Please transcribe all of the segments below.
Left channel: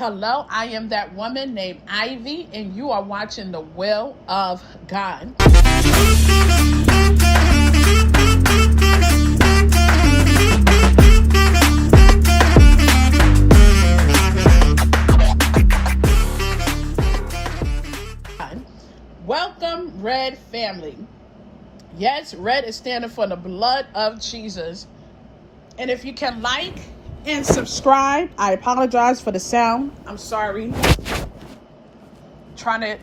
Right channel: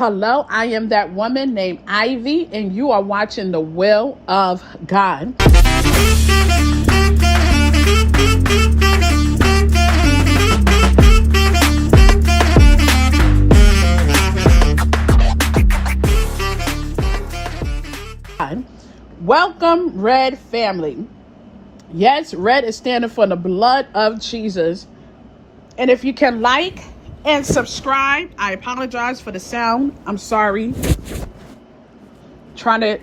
Hello, I am that woman named Ivy, and you are watching The Will of God. Welcome, Red family. Yes, red is standing for the blood of Jesus. And if you can like and subscribe, I apologize for the sound. I'm sorry. Trying to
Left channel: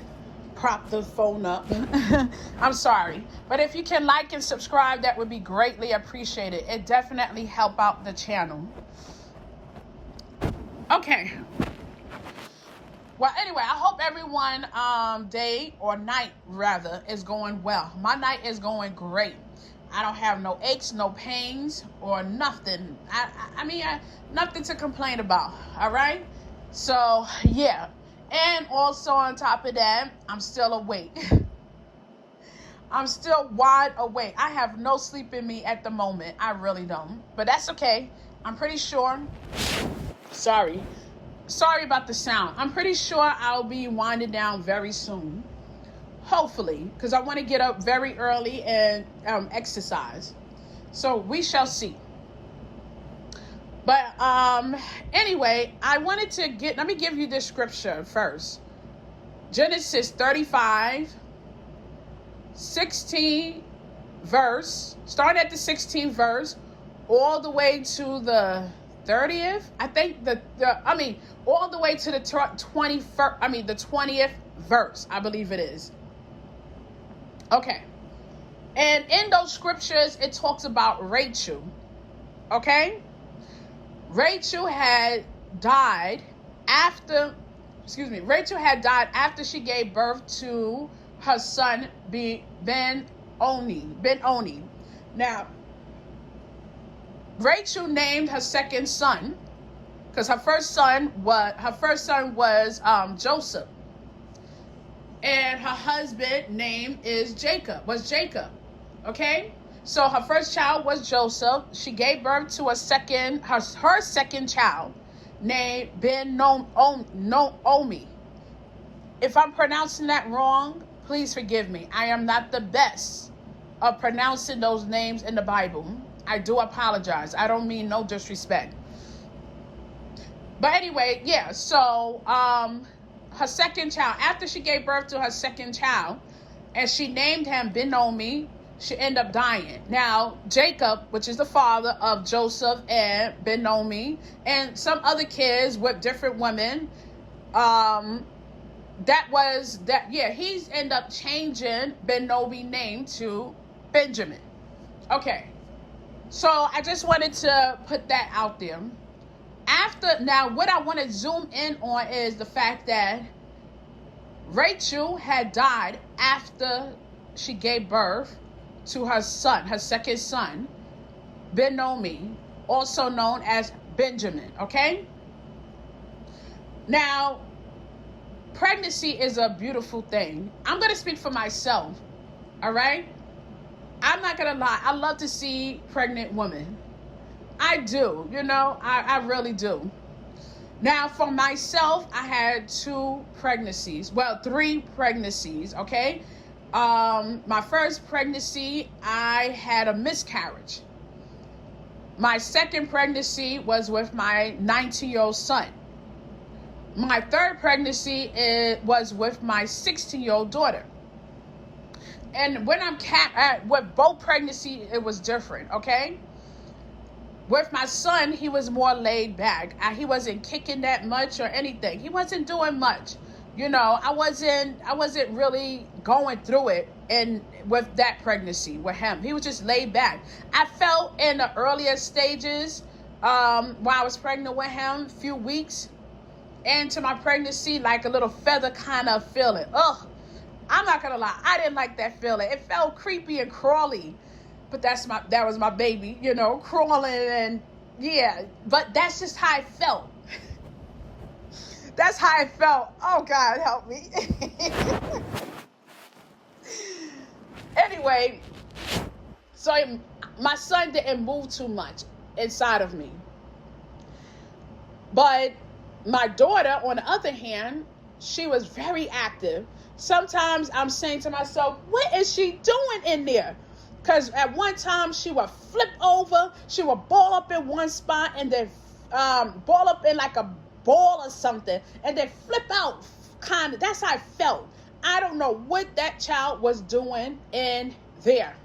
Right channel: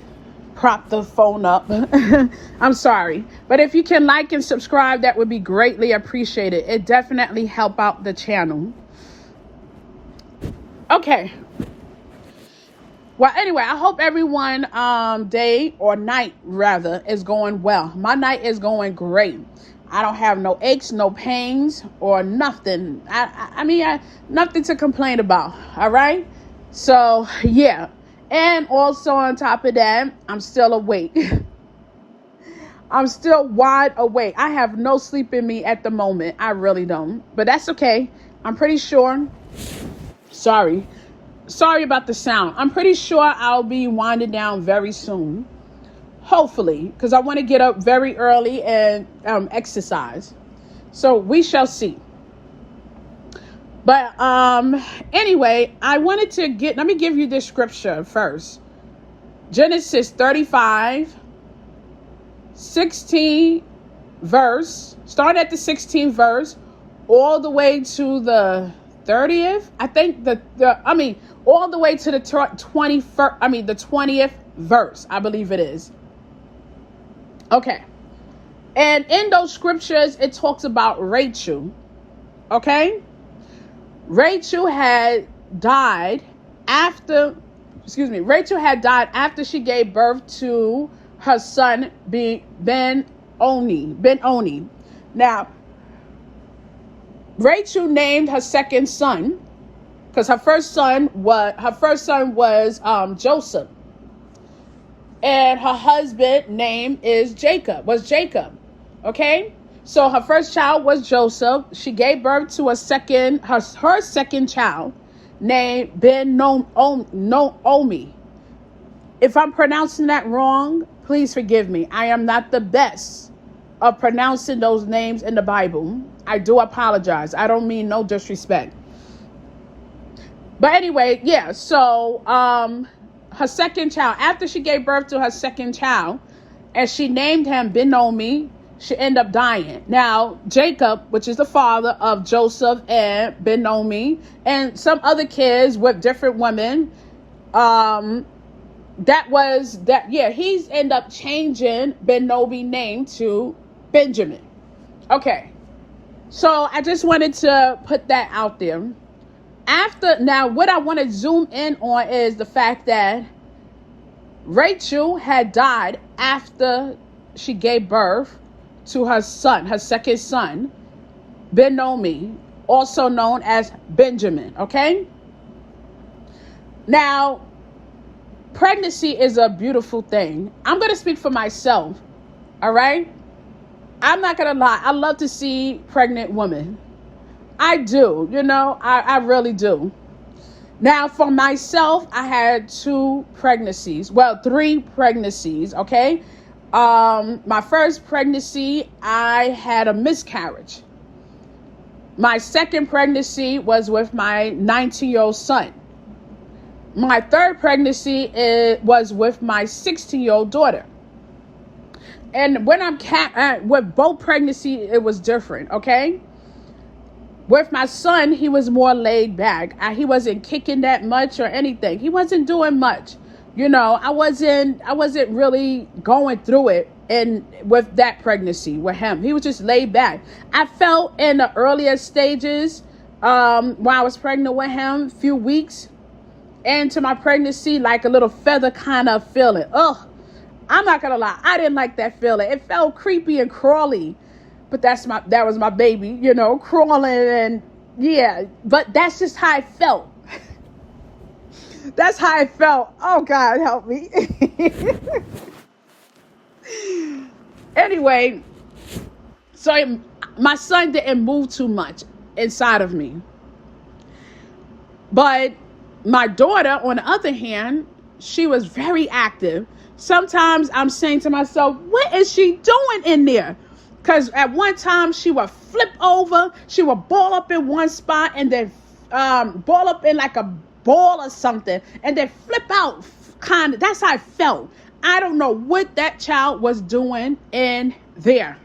prop the phone up. I'm sorry. But if you can like and subscribe, that would be greatly appreciated. It definitely help out the channel. Okay. Well, anyway, I hope everyone day or night rather is going well. My night is going great. I don't have no aches, no pains, or nothing. I mean, nothing to complain about. All right. So yeah, and also on top of that, I'm still awake. I'm still wide awake. I have no sleep in me at the moment. I really don't. But that's okay. I'm pretty sure. Sorry about the sound. I'm pretty sure I'll be winding down very soon. Hopefully, because I want to get up very early and exercise. So we shall see. But anyway, I wanted to let me give you the scripture first. Genesis 35, 16 verse. Start at the 16th verse all the way to the 30th. I think all the way to the 21st, the 20th verse, I believe it is. Okay. And in those scriptures, it talks about Rachel. Okay. Rachel had died after she gave birth to her son, Ben-Oni. Now, Rachel named her second son, because her first son was Joseph, and her husband name was Jacob. Okay, so her first child was Joseph. She gave birth to her second child named Ben-Oni. If I'm pronouncing that wrong, please forgive me. I am not the best of pronouncing those names in the Bible. I do apologize. I don't mean no disrespect. But anyway, yeah, so her second child, after she gave birth to her second child, and she named him Ben-Oni, she ended up dying. Now, Jacob, which is the father of Joseph and Ben-Oni, and some other kids with different women, he's ended up changing Ben-Oni name to Benjamin. Okay. So I just wanted to put that out there. Now, what I want to zoom in on is the fact that Rachel had died after she gave birth to her second son, Ben-Oni, also known as Benjamin. Okay. Now, pregnancy is a beautiful thing. I'm going to speak for myself. All right. I'm not going to lie. I love to see pregnant women. I do. I really do. Now, for myself, I had 3 pregnancies. Okay. My first pregnancy, I had a miscarriage. My second pregnancy was with my 19-year-old son. My third pregnancy was with my 16-year-old daughter. And when with both pregnancies, it was different, okay? With my son, he was more laid back. He wasn't kicking that much or anything. He wasn't doing much. I wasn't really going through it. And with that pregnancy with him, he was just laid back. I felt in the earlier stages, while I was pregnant with him, few weeks into my pregnancy, like a little feather kind of feeling. Ugh. I'm not gonna lie, I didn't like that feeling. It felt creepy and crawly, but that was my baby, crawling, and yeah. But that's just how I felt. That's how I felt. Oh God, help me. Anyway, so my son didn't move too much inside of me, but My daughter, on the other hand, she was very active. Sometimes I'm saying to myself, what is she doing in there? Because at one time she would flip over, she would ball up in one spot and then ball up in like a ball or something and then flip out, kind of. That's how I felt. I don't know what that child was doing in there,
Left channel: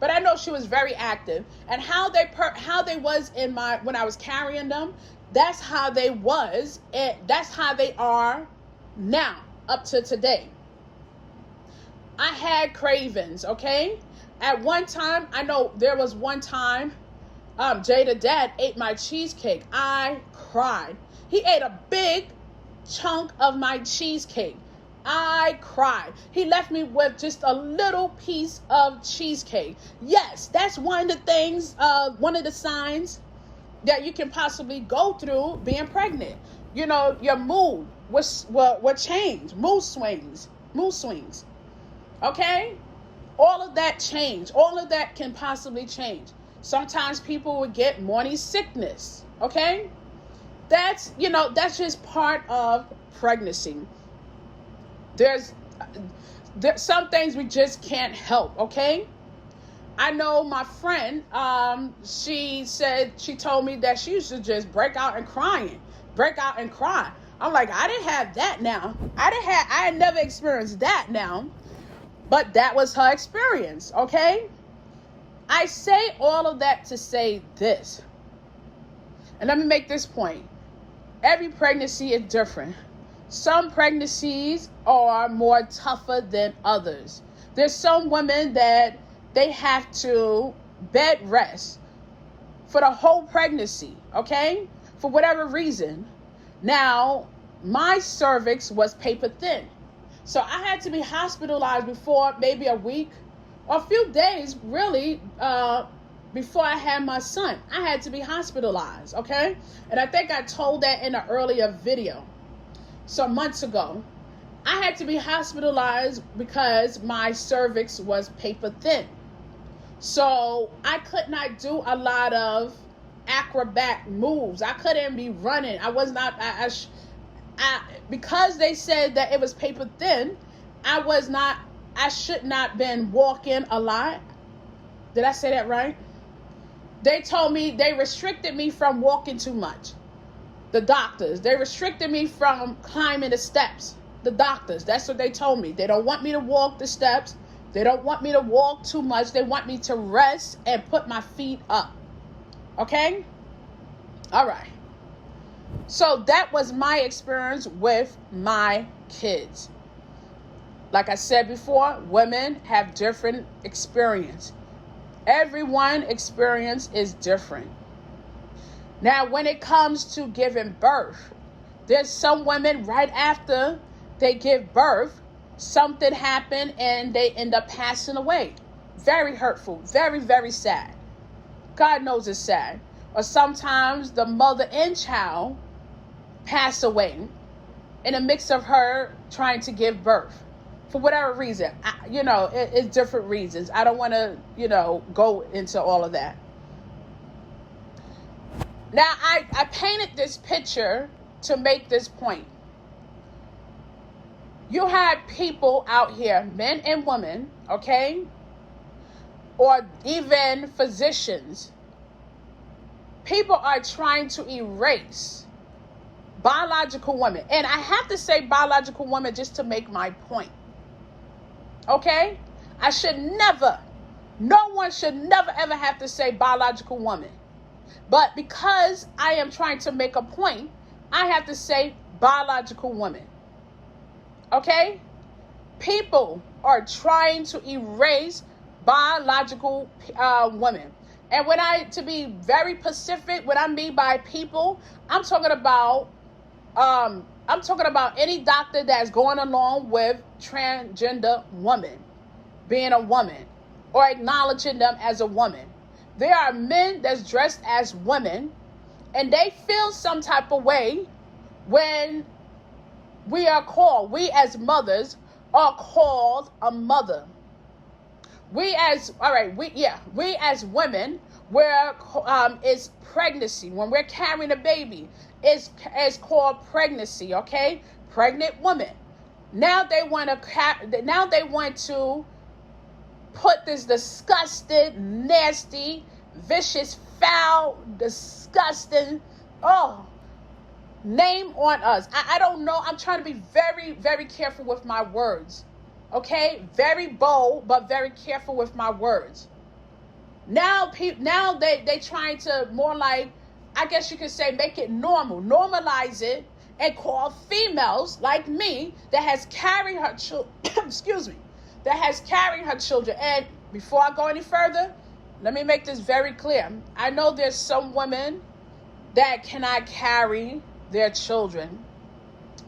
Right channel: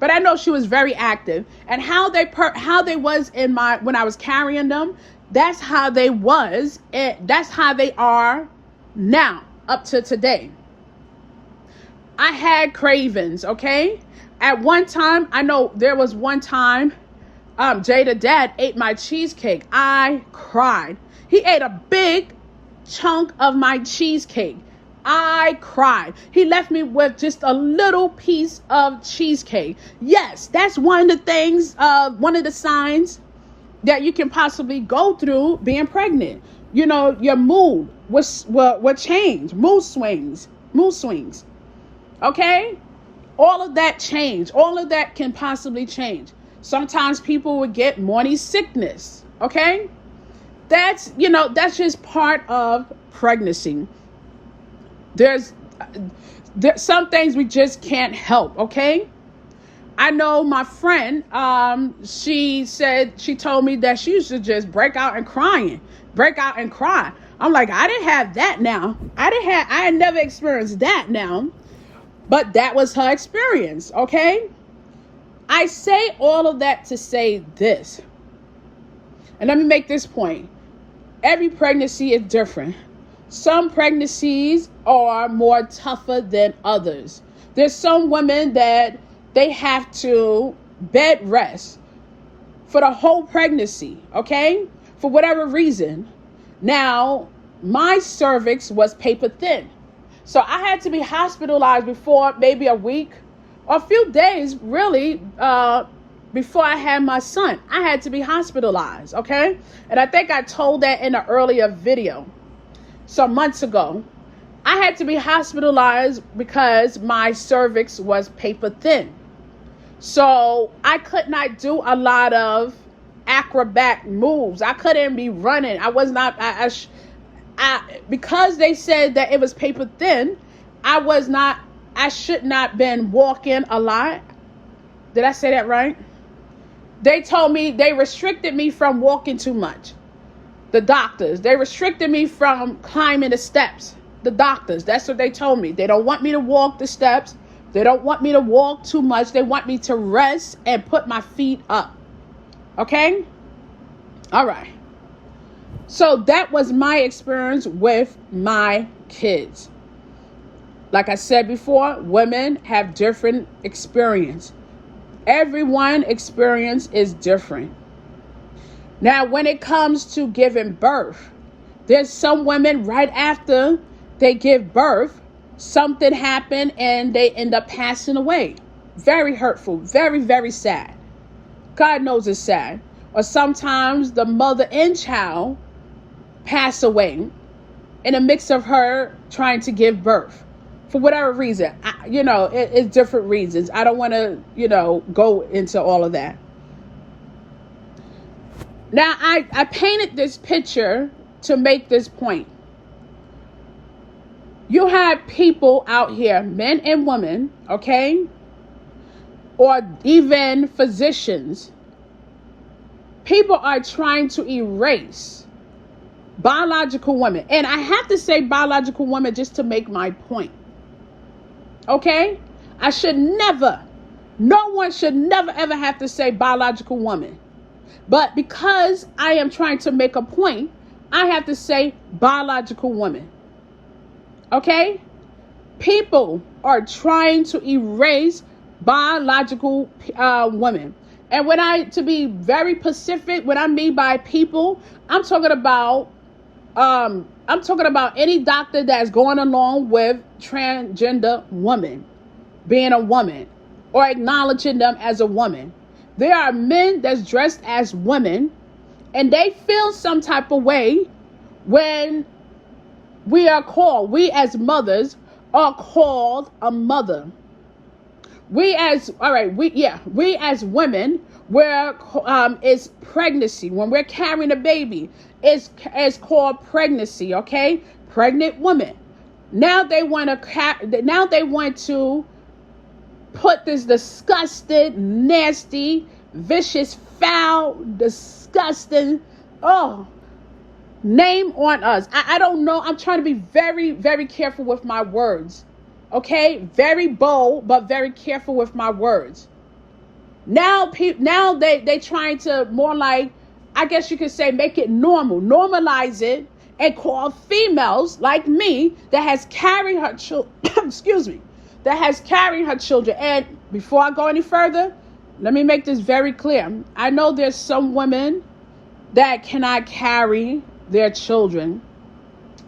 but I know she was very active. And how they was in my, when I was carrying them, that's how they was, and that's how they are now up to today. I had cravings, okay? At one time, I know there was one time, Jada dad ate my cheesecake. I cried. He ate a big chunk of my cheesecake. I cried. He left me with just a little piece of cheesecake. Yes, that's one of the things, one of the signs that you can possibly go through being pregnant. You know, your mood will change. Mood swings. Okay? All of that change. All of that can possibly change. Sometimes people would get morning sickness. Okay? That's, you know, that's just part of pregnancy. There's some things we just can't help, okay? I know my friend, she told me that she used to just break out and cry. I'm like, I didn't have that now. I had never experienced that now, but that was her experience, okay? I say all of that to say this, and let me make this point. Every pregnancy is different. Some pregnancies are more tougher than others. There's some women that they have to bed rest for the whole pregnancy, okay? For whatever reason. Now, my cervix was paper thin. So I had to be hospitalized before maybe a week or a few days, really, before I had my son. I had to be hospitalized, okay? And I think I told that in an earlier video some months ago. I had to be hospitalized because my cervix was paper thin. So I could not do a lot of acrobat moves. I couldn't be running. I was not, because they said that it was paper thin, I should not been walking a lot. Did I say that right? They told me, they restricted me from walking too much. The doctors, they restricted me from climbing the steps. The doctors, that's what they told me. They don't want me to walk the steps. They don't want me to walk too much. They want me to rest and put my feet up. Okay? All right. So that was my experience with my kids. Like I said before, women have different experience. Everyone's experience is different. Now, when it comes to giving birth, there's some women right after they give birth, something happened and they end up passing away. Very hurtful, very, very sad. God knows it's sad. Or sometimes the mother and child pass away in a mix of her trying to give birth. For whatever reason, it's different reasons. I don't want to, go into all of that. Now, I painted this picture to make this point. You have people out here, men and women, okay? Or even physicians. People are trying to erase biological women. And I have to say biological women just to make my point. Okay? No one should never ever have to say biological woman. But because I am trying to make a point, I have to say biological woman. Okay? People are trying to erase biological women. And to be very specific, what I mean by people, I'm talking about any doctor that's going along with transgender women, being a woman, or acknowledging them as a woman. There are men that's dressed as women, and they feel some type of way when we as mothers are called a mother. We as women, it's pregnancy, when we're carrying a baby, is called pregnancy, okay? Pregnant woman. Now they want to put this disgusted, nasty, vicious, foul, disgusting, name on us. I don't know. I'm trying to be very, very careful with my words. Okay? Very bold, but very careful with my words. Now they trying to more like, I guess you could say, make it normal, normalize it, and call females like me that has carried her children, excuse me, that has carried her children. And before I go any further, let me make this very clear. I know there's some women that cannot carry their children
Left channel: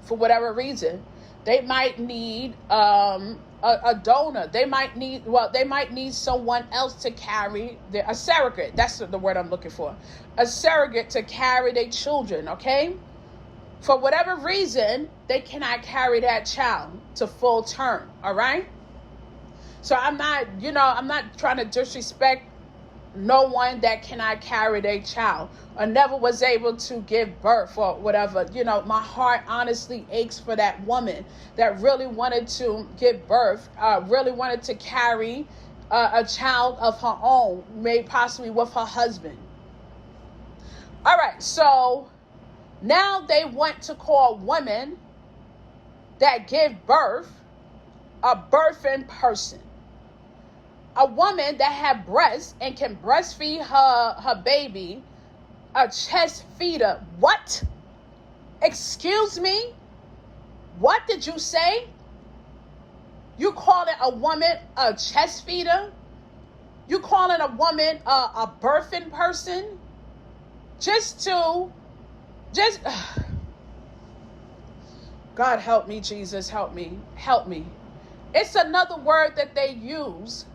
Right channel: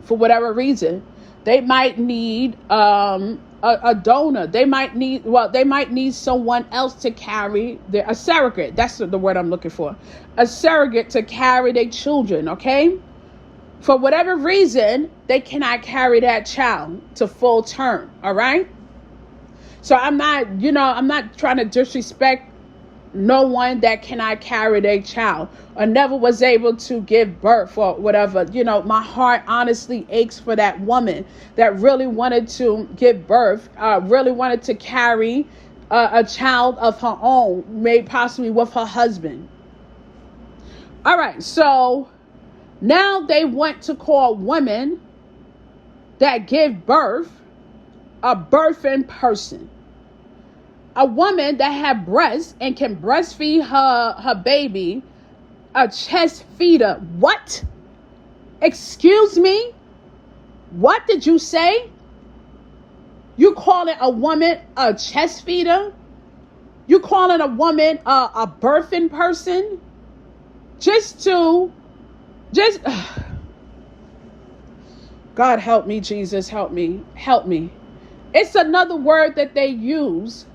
for whatever reason. They might need a donor. They might need someone else to carry a surrogate. That's the word I'm looking for. A surrogate to carry their children, okay? For whatever reason, they cannot carry that child to full term, all right? So I'm not trying to disrespect no one that cannot carry their child or never was able to give birth or whatever. My heart honestly aches for that woman that really wanted to give birth, really wanted to carry a child of her own, maybe possibly with her husband. All right, so now they want to call women that give birth a birthing person. A woman that have breasts and can breastfeed her baby a chest feeder. What? Excuse me? What did you say? You calling a woman a chest feeder? You calling a woman a birthing person? God help me, Jesus, help me. It's another word that they use.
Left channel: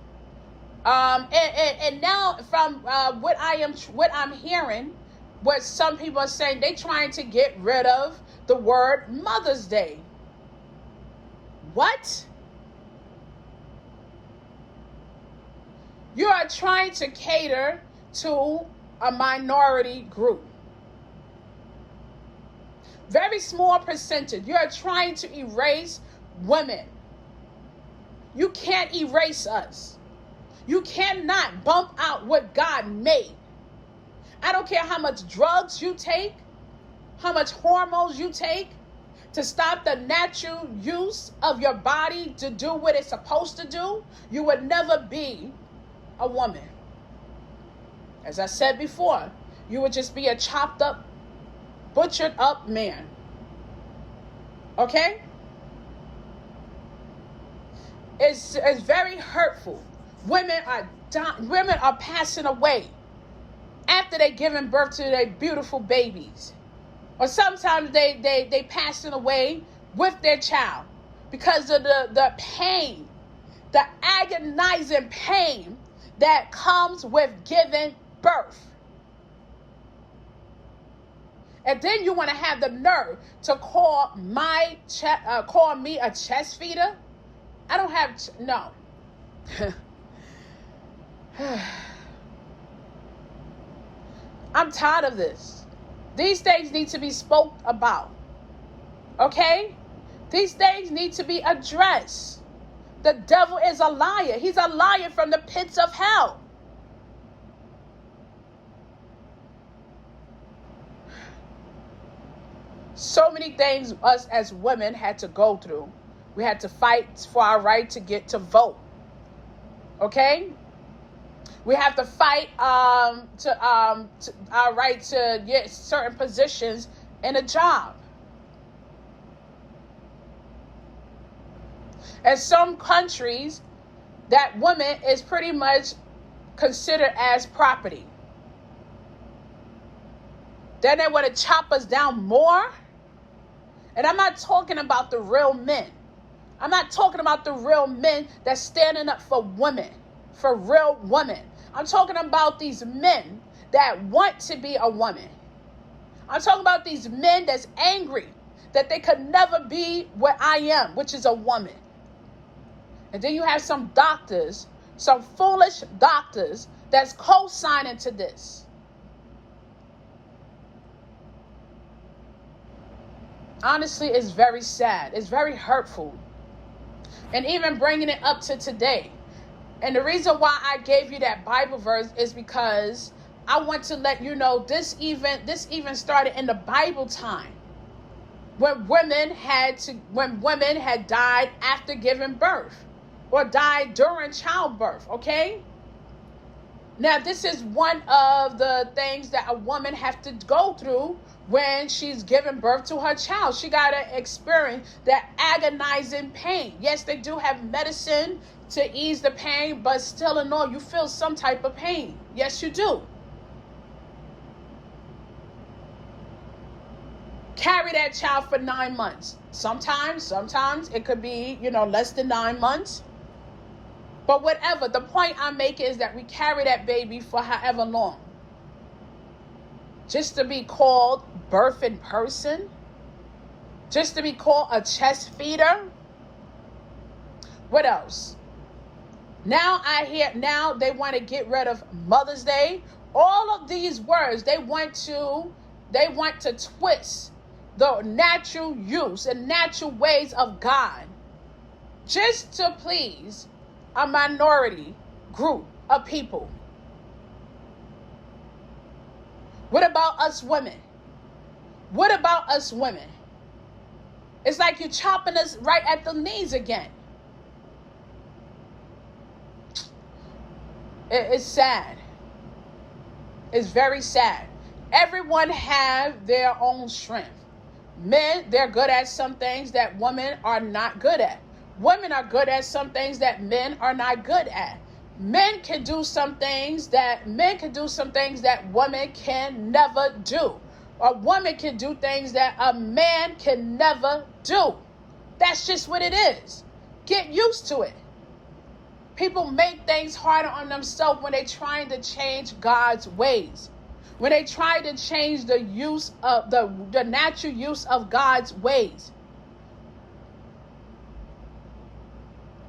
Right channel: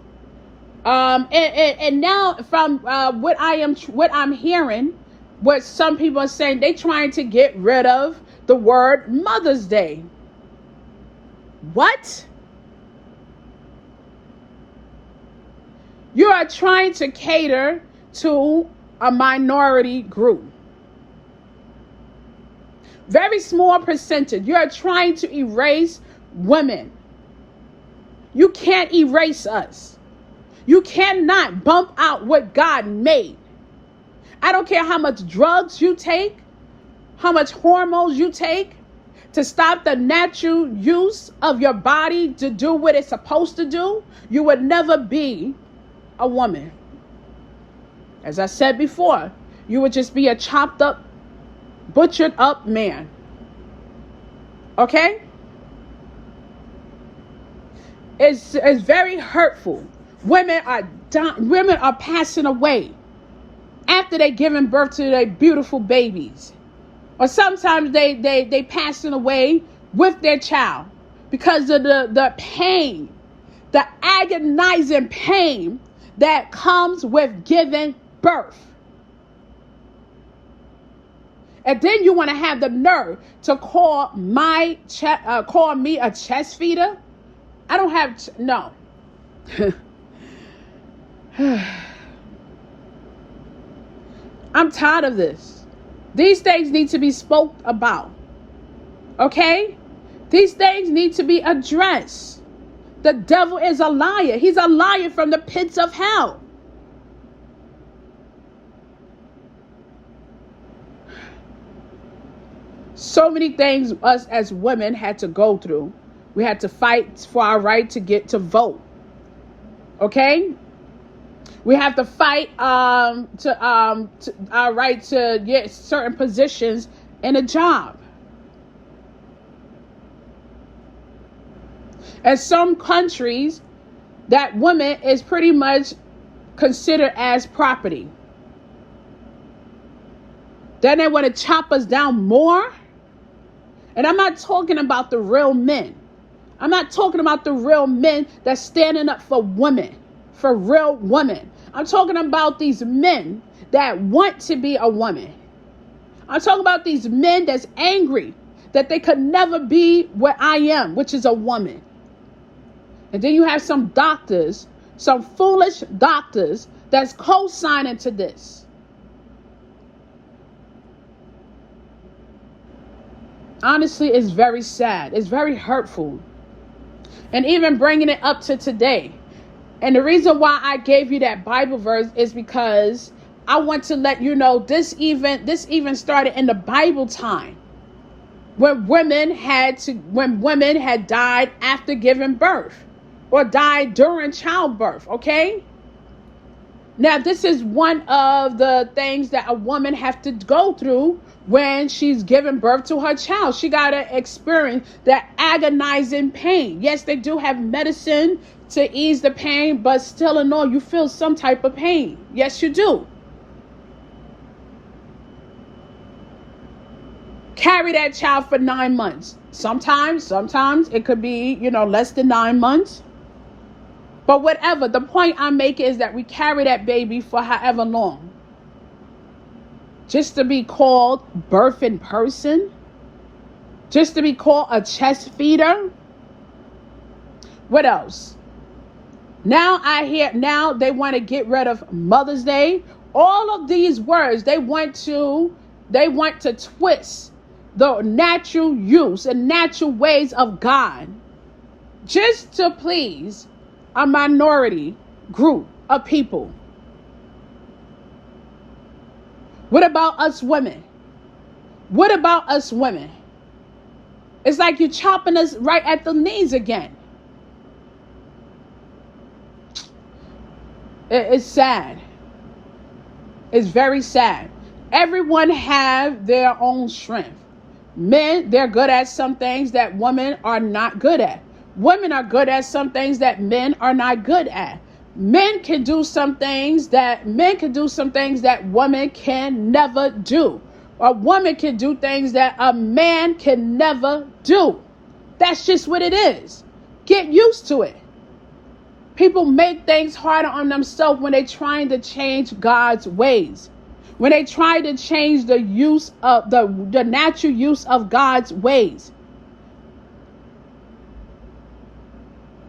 And now from what I'm hearing, what some people are saying, they trying to get rid of the word Mother's Day. What? You are trying to cater to a minority group. Very small percentage. You are trying to erase women. You can't erase us. You cannot bump out what God made. I don't care how much drugs you take, how much hormones you take to stop the natural use of your body to do what it's supposed to do. You would never be a woman. As I said before, you would just be a chopped up, butchered up man. Okay? It's very hurtful. Women are passing away after they giving birth to their beautiful babies. Or sometimes they passing away with their child because of the pain, the agonizing pain that comes with giving birth. And then you want to have the nerve to call me a chest feeder? I don't have no. I'm tired of this. These things need to be spoke about. Okay? These things need to be addressed. The devil is a liar. He's a liar from the pits of hell. So many things us as women had to go through. We had to fight for our right to get to vote. Okay? We have to fight to our right to get certain positions in a job. In some countries, that woman is pretty much considered as property. Then they want to chop us down more. And I'm not talking about the real men. I'm not talking about the real men that's standing up for women, for real women. I'm talking about these men that want to be a woman. I'm talking about these men that's angry that they could never be what I am, which is a woman. And then you have some doctors, some foolish doctors that's co-signing to this. Honestly, it's very sad. It's very hurtful. And even bringing it up to today. And the reason why I gave you that Bible verse is because I want to let you know this even started in the Bible time, when women had died after giving birth or died during childbirth. Okay. Now, this is one of the things that a woman has to go through when she's giving birth to her child. She got to experience that agonizing pain. Yes, they do have medicine to ease the pain, but still in all, you feel some type of pain. Yes, you do. Carry that child for 9 months. Sometimes it could be, less than 9 months. But whatever, the point I'm making is that we carry that baby for however long. Just to be called birthing person? Just to be called a chest feeder? What else? Now they want to get rid of Mother's Day. All of these words, they want to twist the natural use and natural ways of God just to please a minority group of people. What about us women? What about us women? It's like you're chopping us right at the knees again. It's sad. It's very sad. Everyone have their own strength. Men, they're good at some things that women are not good at. Women are good at some things that men are not good at. Men can do some things that women can never do. A woman can do things that a man can never do. That's just what it is. Get used to it. People make things harder on themselves when they're trying to change God's ways. When they try to change the use of the natural use of God's ways.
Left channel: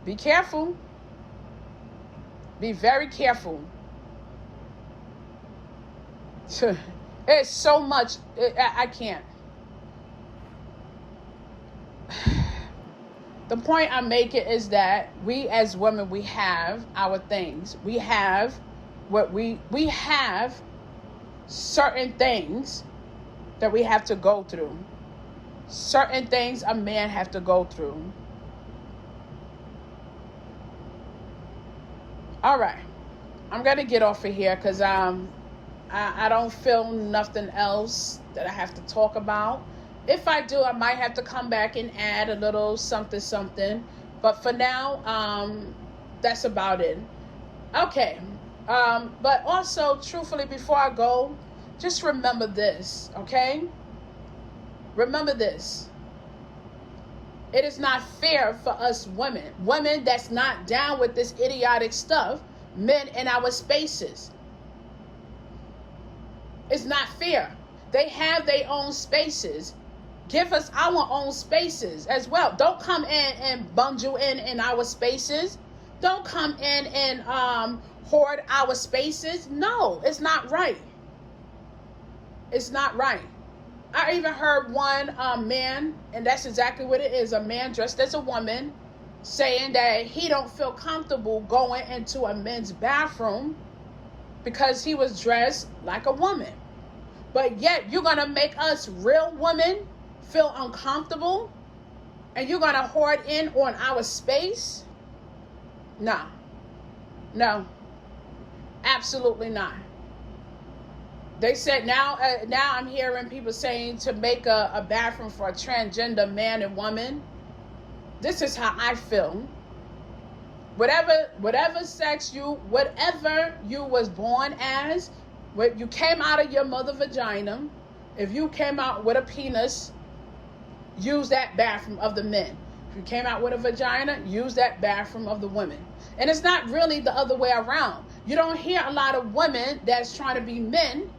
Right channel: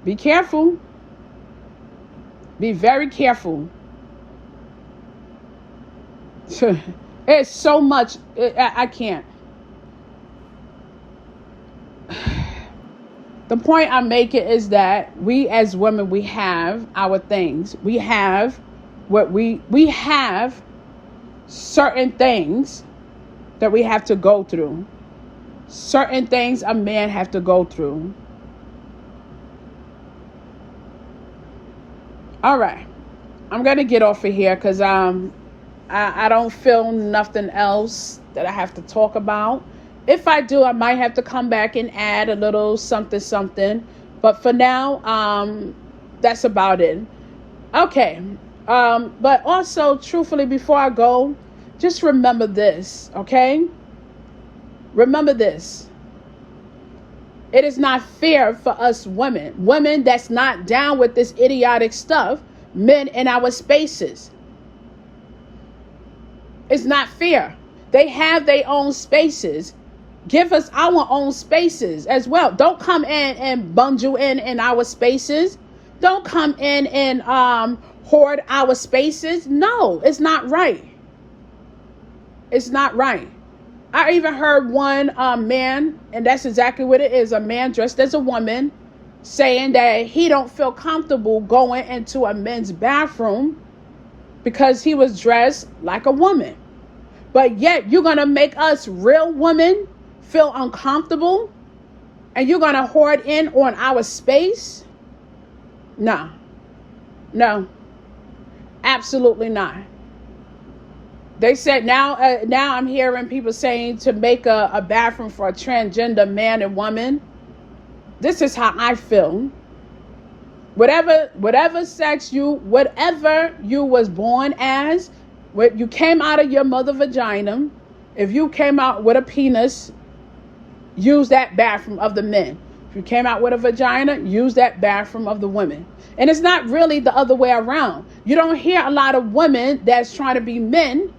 Be careful. Be very careful. It's so much. I can't. The point I'm making is that we as women, we have our things. We have we have certain things that we have to go through. Certain things a man have to go through. All right. I'm going to get off of here because I don't feel nothing else that I have to talk about. If I do, I might have to come back and add a little something. But for now, that's about it. Okay. But also, truthfully, before I go, just remember this, okay? Remember this. It is not fair for us women that's not down with this idiotic stuff, men in our spaces. It's not fair. They have their own spaces. Give us our own spaces as well. Don't come in and bundle in our spaces. Don't come in and hoard our spaces. No, it's not right. It's not right. I even heard one man, and that's exactly what it is, a man dressed as a woman, saying that he don't feel comfortable going into a men's bathroom because he was dressed like a woman. But yet you're going to make us real women feel uncomfortable and you're going to hoard in on our space? No, absolutely not. They said now I'm hearing people saying to make a bathroom for a transgender man and woman. This is how I feel. Whatever sex whatever you was born as, when you came out of your mother vagina, if you came out with a penis, use that bathroom of the men. If you came out with a vagina, use that bathroom of the women. And it's not really the other way around. You don't hear a lot of women that's trying to be men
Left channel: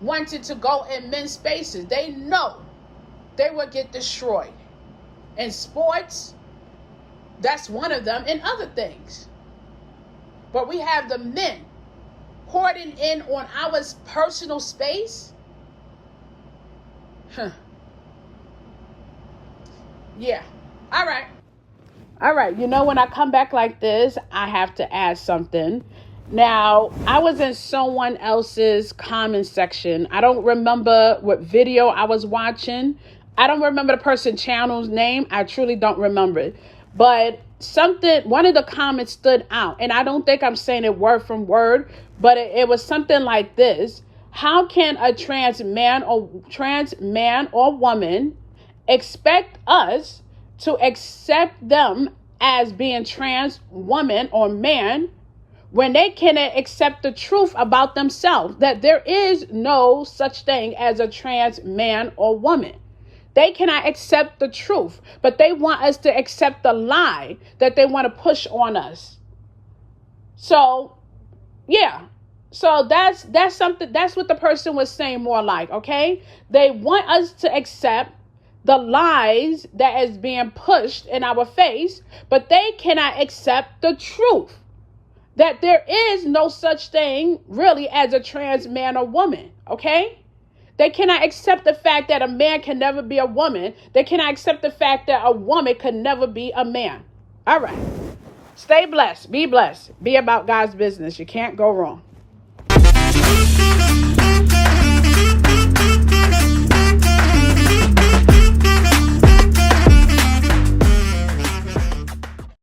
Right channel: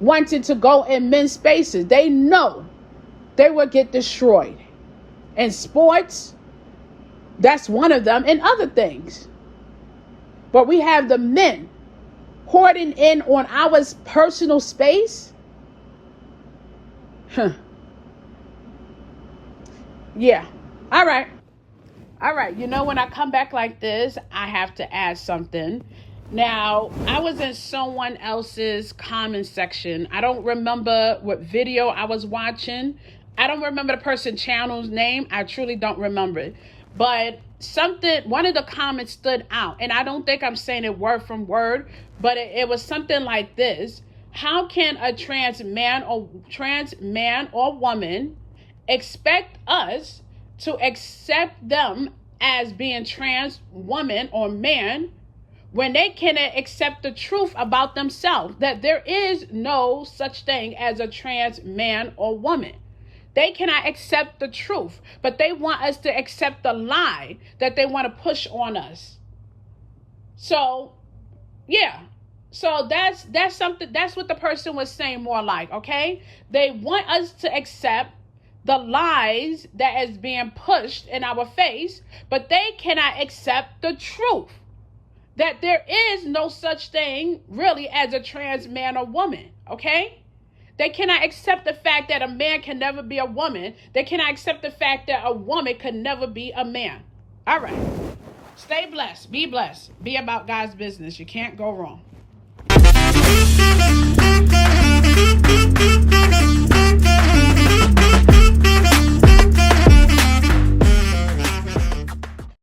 wanted to go in men's spaces. They know they will get destroyed. In sports, that's one of them, and other things. But we have the men hoarding in on our personal space. Yeah. All right. All right. You know, when I come back like this, I have to add something. Now, I was in someone else's comment section. I don't remember what video I was watching. I don't remember the person's channel's name. I truly don't remember it. But one of the comments stood out. And I don't think I'm saying it word from word, but it was something like this. How can a trans man or woman expect us to accept them as being trans woman or man when they cannot accept the truth about themselves, that there is no such thing as a trans man or woman? They cannot accept the truth, but they want us to accept the lie that they want to push on us. So, yeah. So that's something, that's what the person was saying more like, okay? They want us to accept the lies that is being pushed in our face, but they cannot accept the truth that there is no such thing really as a trans man or woman, okay? They cannot accept the fact that a man can never be a woman. They cannot accept the fact that a woman could never be a man. All right. Stay blessed. Be blessed. Be about God's business. You can't go wrong.